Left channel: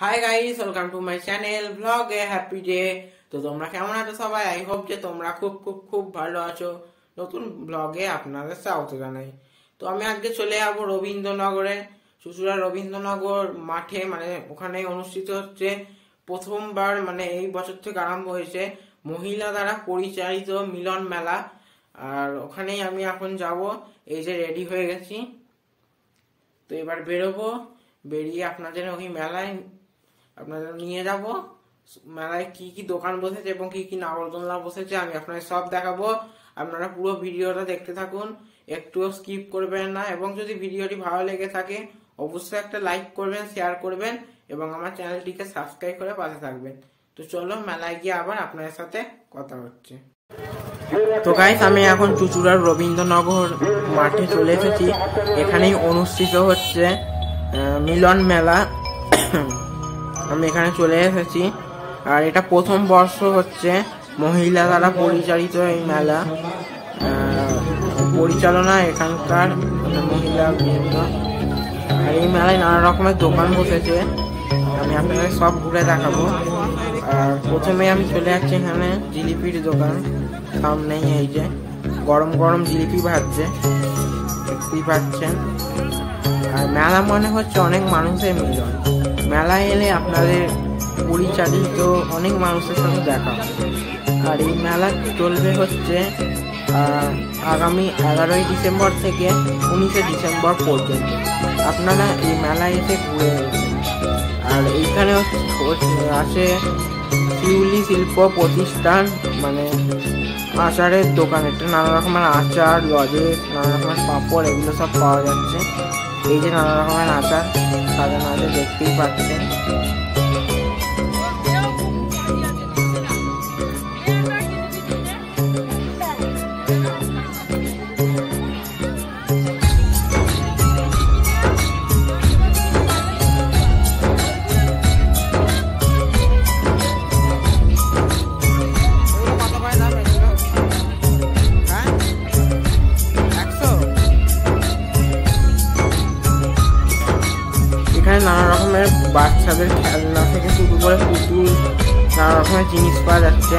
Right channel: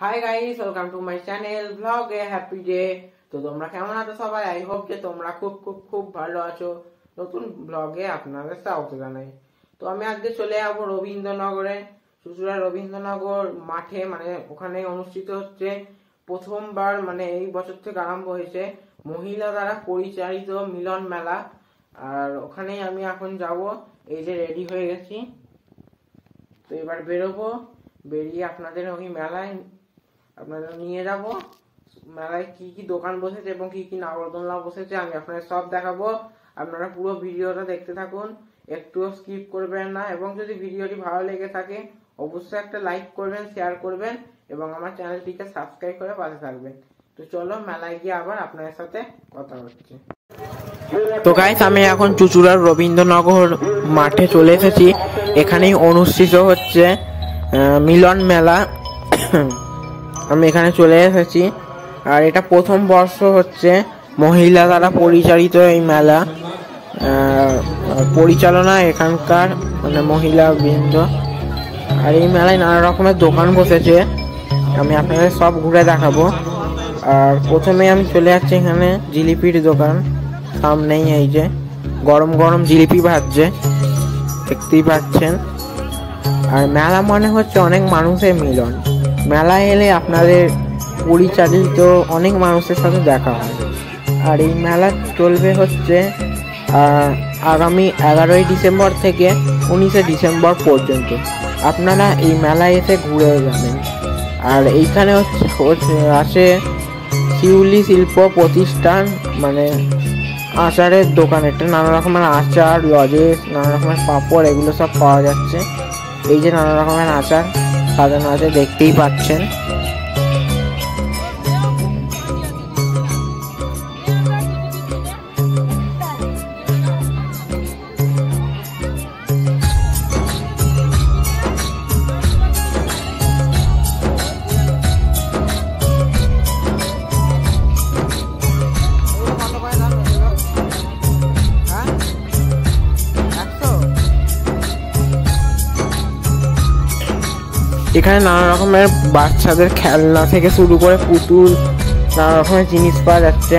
Hi guys, welcome to my channel blog A happy day. তো তোমরা কেমন আছো সবাই? আই হোপ যে তোমরা খুব খুব খুব ভালো আছো। নতুন ব্লগে আপনাদের স্বাগত জানাই। তো আমি আজকে চলে যাবো রবীন্দ্রনগরে, চুঁচুড়া রবীন্দ্রনগর মাঠে, মানে ওখানে অনুষ্ঠিত হচ্ছে প্রথমবার, মানে এই বছর থেকে আরম্ভ হয়েছে মহিলা দ্বারা পরিচালিত মিলন মেলা। আর ওখানেই আমি এখন যাব। এই যে রেডি হয়ে গেছি, তো এবার বেরোবো। বেরিয়ে আপনাদের ওই মেলায় আপনাদের নিয়ে যাব। মেলায় কি কি দোকান বসেছে এবং কি কি নাগরদোলনা বসেছে আমি আপনাদের সব দেখাবো। আপনারা পুরো ভিডিওটা দেখতে থাকুন, একটুও স্কিপ করবেন না। এবং যদি ভিডিওটি ভালো লেগে থাকে অবশ্যই একটা লাইক করবেন, শেয়ার করবেন এবং আমার চ্যানেলটিকে সাবস্ক্রাইব করে পাশে থাকবেন। তো চলো মেলায় গিয়ে আবার আপনাদের সাথে কথা হচ্ছে। তো গাইস, আমি এখন চুঁচুড়ার রবীন্দ্রনগর মাঠে চলে এসেছি। এখানেই অনুষ্ঠিত হচ্ছে মিলন মেলা। আমি এখানে চলে এসেছি। আর এটা প্রথম বর্ষ হচ্ছে মহিলা দ্বারা পরিচালিত এই মেলা। পরিচালনা এখানকার মানে মহিলা বৃন্দ। আর এই মেলায় নানা রকমের দোকান বসেছে, আমি আপনাদের সব ঘুরে দেখাবো। আর প্রথমে আমি চলে যাচ্ছি এখানে জিলিপির দোকান। সামনেই এই যে গরম গরম জিলিপি ভাজছে, দেখতেই পাচ্ছেন। আর মেলা মানে হচ্ছে অনেক মানুষের মিলন। মেলায় এলে আপনাদের পরিচালিত অনেক মানুষের সাথে দেখা হয়। আর এই মেলা চলবে হচ্ছে আগামী 11ই ডিসেম্বর থেকে 19শে ডিসেম্বর পর্যন্ত। আপনারা এই মেলায় এসে ঘুরে যাবেন। আর এইখানে আছে শিউলি শিল্প প্রতিষ্ঠান, মানে আচারের দোকান। এটা নানা রকমের আচার, লজেস, নানা রকমের পাঁপড়, এগুলো সব পাওয়া যাচ্ছে। এই যে নানা রকমের আচার সাজানো আছে, দেখতেই পাচ্ছেন। এখানে নানা রকমের বাচ্চাদের খেলনা থেকে শুরু করে পুতুল, নানা রকমের জিনিস পাওয়া যাচ্ছে।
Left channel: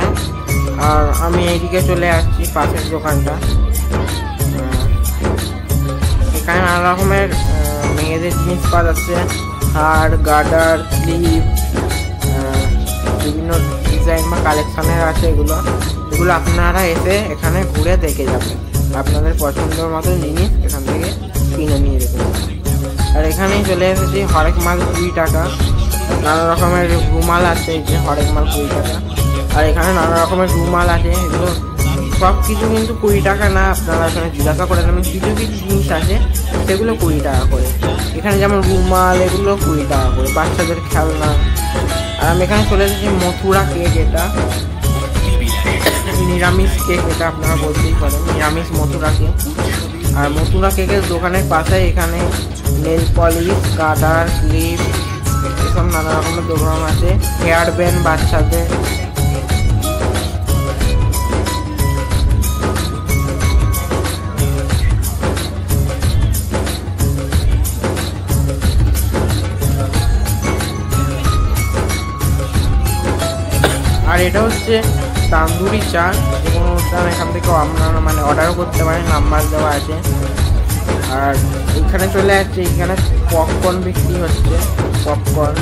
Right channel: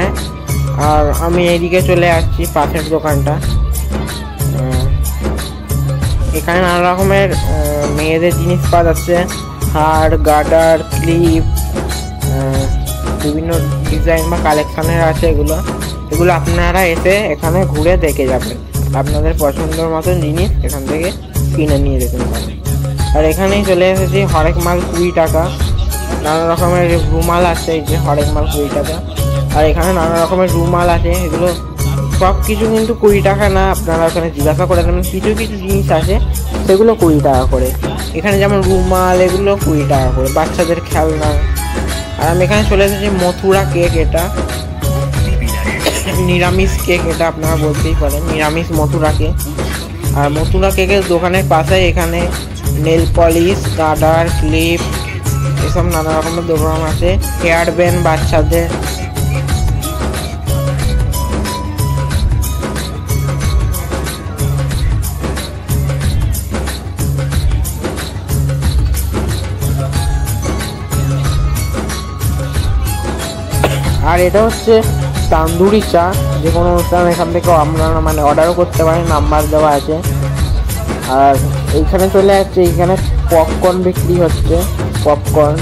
আর আমি এইদিকে চলে আসছি পাশের দোকানটা। এখানে নানা রকমের মেয়েদের জিনিস পাওয়া যাচ্ছে, হার, গার্ডার, ক্লিপ, বিভিন্ন ডিজাইন বা কালেকশনের আছে। এগুলো আপনারা এসে এখানে ঘুরে দেখে যাবেন। আপনাদের পছন্দের মতন জিনিস এখান থেকে কিনে নিয়ে যেতে পারেন। আর এখানেই চলে এসেছি হরেক মাল 20 টাকা। নানা রকমের রুমাল আছে, এই যে হরেক মাল 20 টাকা। আর এখানে নানা রকমের রুমাল আছে, এগুলো সব কিছু কিন্তু 20 টাকা না। আপনারা ওখানে জিজ্ঞাসা করে নেবেন। কিছু কিছু জিনিস আছে সেগুলো 20 টাকা করে। এখানে যেমন রুমাল, এগুলো 20 টাকা করে। বাচ্চাদের খেলনা। আর আমি এখানে চলে এসেছি মথুরা কেক। এটা নিরামিষ কেক, এটা আপনারা বলতেই পারেন নিরামিষ মথুরা কেক। আর মথুরা কেকের দোকানের পাশে এখানে নেল পলিশ, গার্ডার, ক্লিপ, এসব নানা রকমের দোকান আছে। হেয়ার ব্যান্ড বাচ্চাদের। আর এটা হচ্ছে তান্দুরি চা। যে কোনো অনুষ্ঠান এখান থেকে আপনারা মানে অর্ডারও করতে পারেন, নাম্বার দেওয়া আছে। আর এইখানে চলে যাচ্ছে, এইখানে পপকর্ন বিক্রি হচ্ছে। পপকর্ন,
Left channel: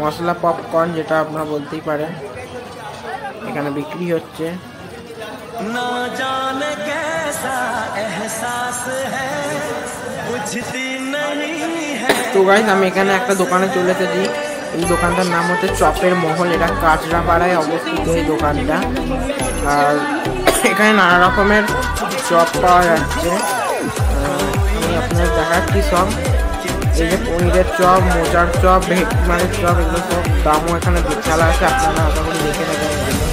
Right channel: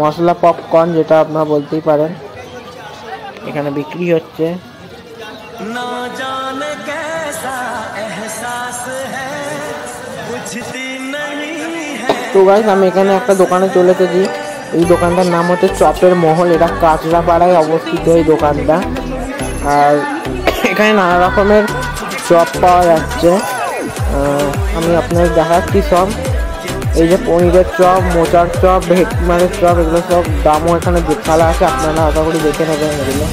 মশলা পপকর্ন যেটা আপনারা বলতেই পারেন, এখানে বিক্রি হচ্ছে। তো গাইস, আমি এখানে একটা দোকানে চলে এসেছি। এই দোকানটার নাম হচ্ছে চপের মহল। এটা কাঁচরাপাড়ায় অবস্থিত এই দোকানটা। আর এখানে নানা রকমের চপ পাওয়া যাচ্ছে। আমি আপনাদের দেখাচ্ছি সব। এই যে পনিরের চপ, মোচার চপ, ভেটকিমারের চপ, এগুলো সব দামও এখানে খেলা আছে। আপনারা আশা করি দেখে নেবেন এগুলো।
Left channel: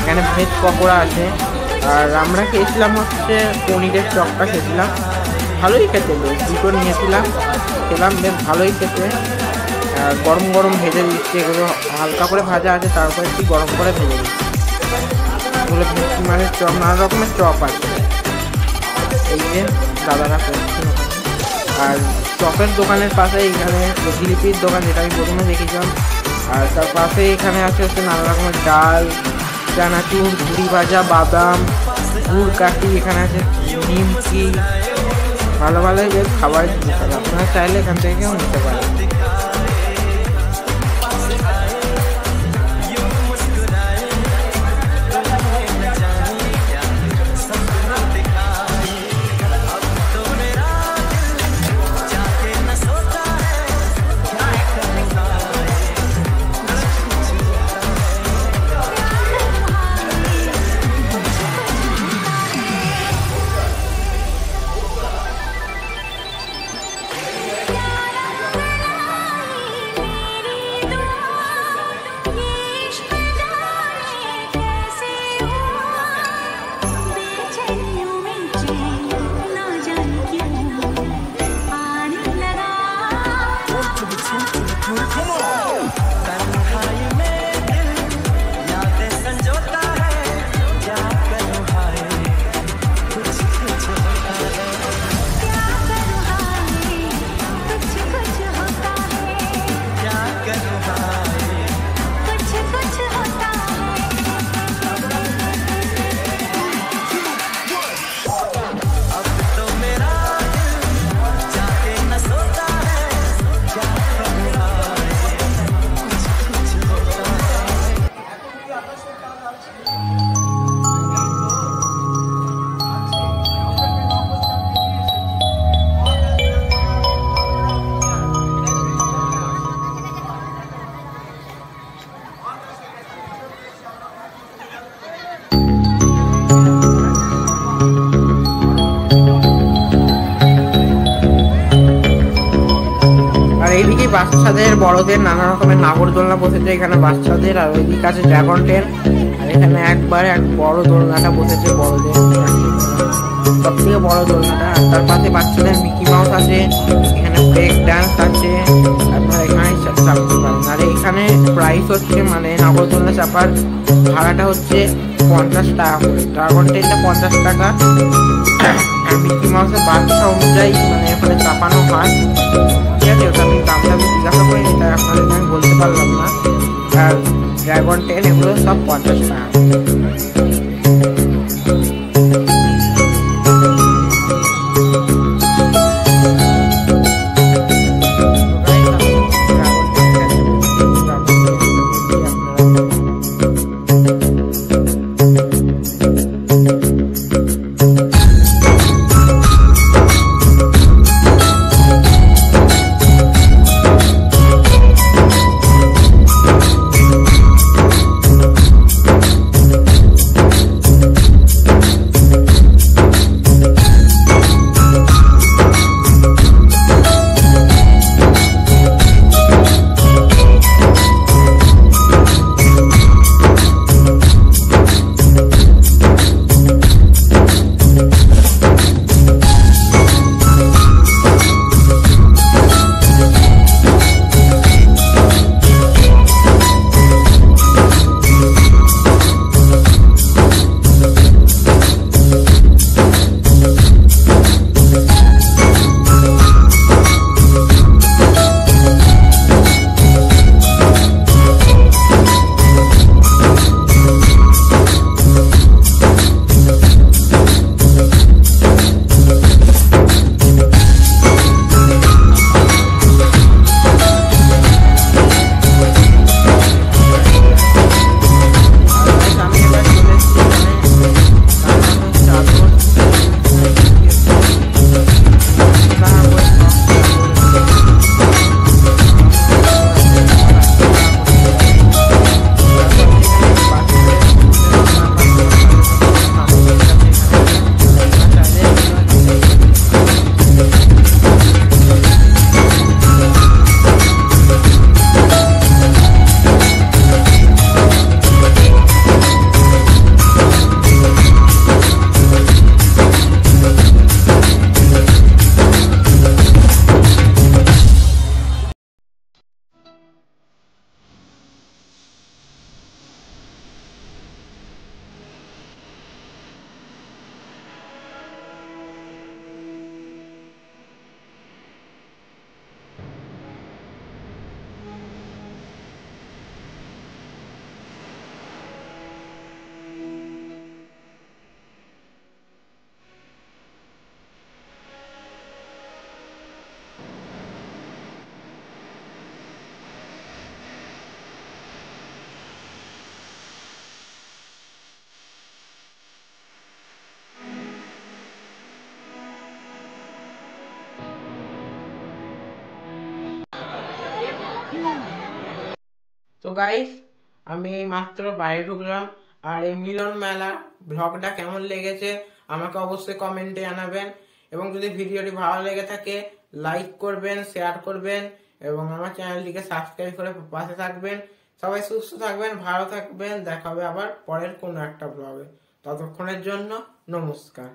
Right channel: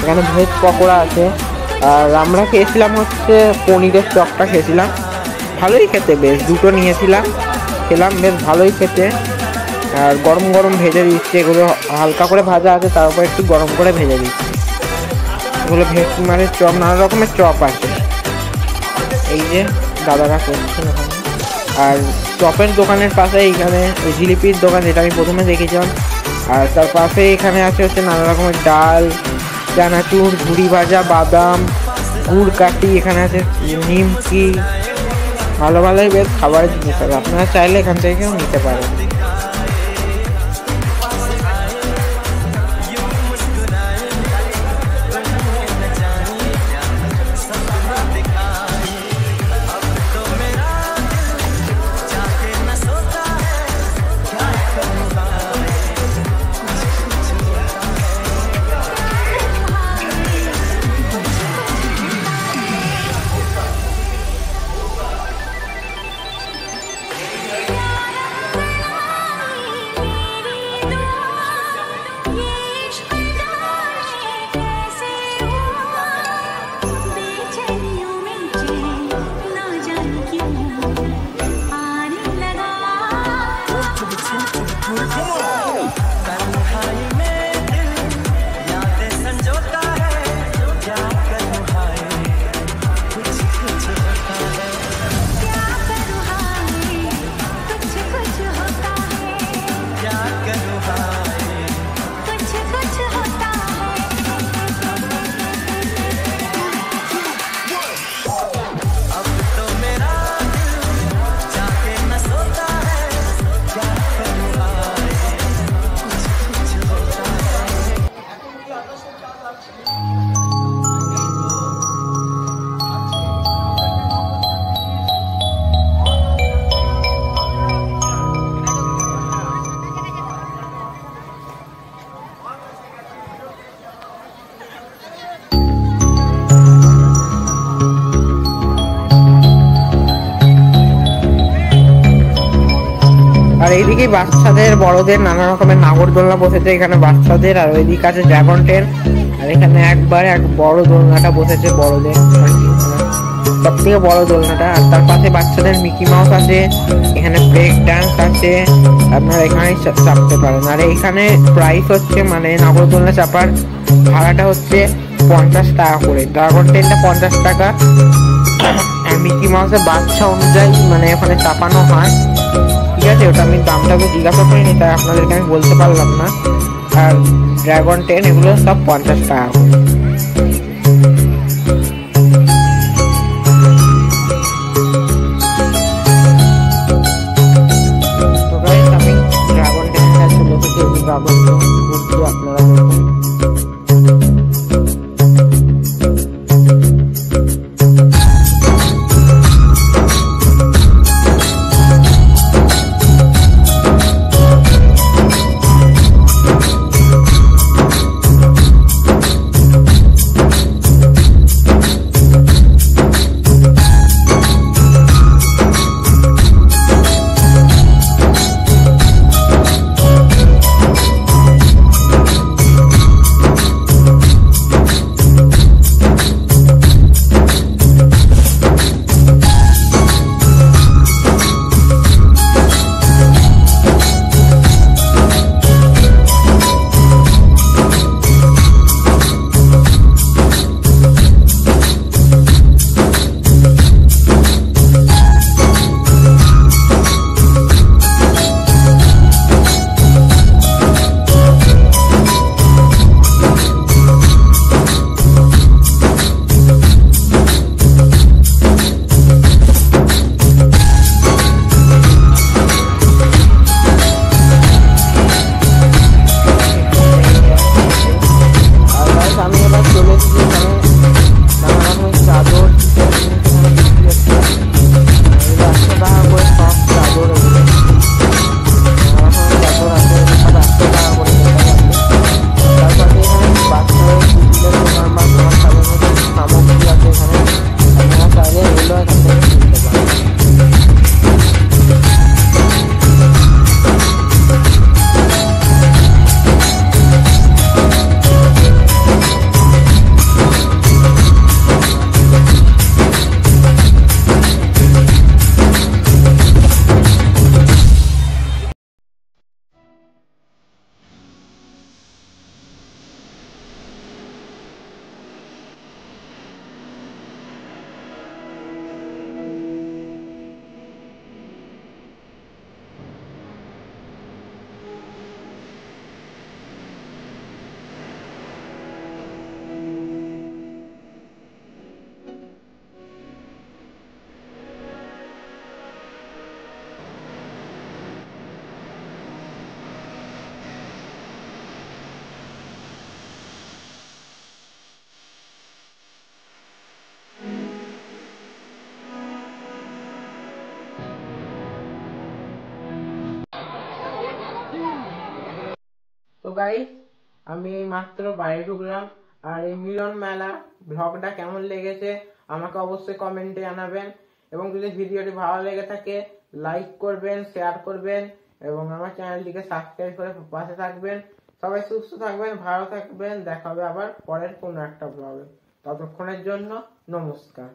এখানে ভেজ পকোড়া আছে। আর আমরা খেয়েছিলাম হচ্ছে পনিরের চপটা খেয়েছিলাম, ভালোই খেতে, বেশ দুটো নিয়েছিলাম, খেলাম, বেশ ভালোই খেতে। আর গরম গরম ভেজে দিচ্ছে, এগুলো হালকা করে ভাজা আছে, তারপর একটু গরম করে ভেজে দিচ্ছে। এগুলো ভেটকিমারের চপ, নানা রকমের চপ আছে। এই যে দাদারা করছেন ওখানে। আর চপের দোকানের পাশে এখানে জিলিপির দোকান, যেটা আমি প্রথমে দেখেছিলাম। আর তার পাশে এখানে আছে হচ্ছে নানা রকমের ডাল, চানাচুর, ঝুড়ি ভাজা, বাদাম, গুড় কাঠি, এখানে আছে নিমকি, ভালো ভালো বেশ খাবার দিতে হবে। আপনারা চাইলে এখান থেকে নিতে পারেন। এইদিকে বাচ্চাদের বড়দের নানা রকমের নাগরদোলনা বসেছে এখানে বাচ্চাদের, আর ওইদিকে আছে ড্রাগন ট্রেন, আর এখানে একবারে এক বড় দোলনাটা বসেছে বড়দের, সব থেকে বড় দোলনাটা। আর তার পাশে বাচ্চাদের মিকি মাউস আছে, এখানে ব্রেক ডান্স আছে, আপনারা এখানে চাপতে পারেন। আর এখানে প্রাইস হচ্ছে মানে নাগরদোলনা চাপার ভাড়াটা হচ্ছে 50 টাকা করে, ড্রাগন ট্রেনটা 50 টাকা, আর মিকি মাউসের বাচ্চা অনুযায়ী মানে এখানে চাপানো হয়। ঠিক আছে, ওটা আমি দামটা জিজ্ঞাসা করিনি, তাই আপনাদেরকে আমি বলতে পারলাম না। আর ড্রাগন ট্রেন এগুলো সব 50 টাকা। তো গাইস, আমি এই মাত্র বাইরে ঢুকলাম, আর এই মিলন মেলা ব্লগটা কেমন লেগেছে আমাকে অবশ্যই কমেন্টে জানাবেন। এবং যদি ভিডিওটি ভালো লেগে থাকে লাইক করবেন, শেয়ার করবেন এবং আমার চ্যানেলটিকে সাবস্ক্রাইব করে পাশে থাকবেন। সবাই সুস্থ থাকবেন, ভালো থাকবেন, দেখা হবে আবার পরের কোনো একটা ব্লগে। ততক্ষণের জন্য নমস্কার।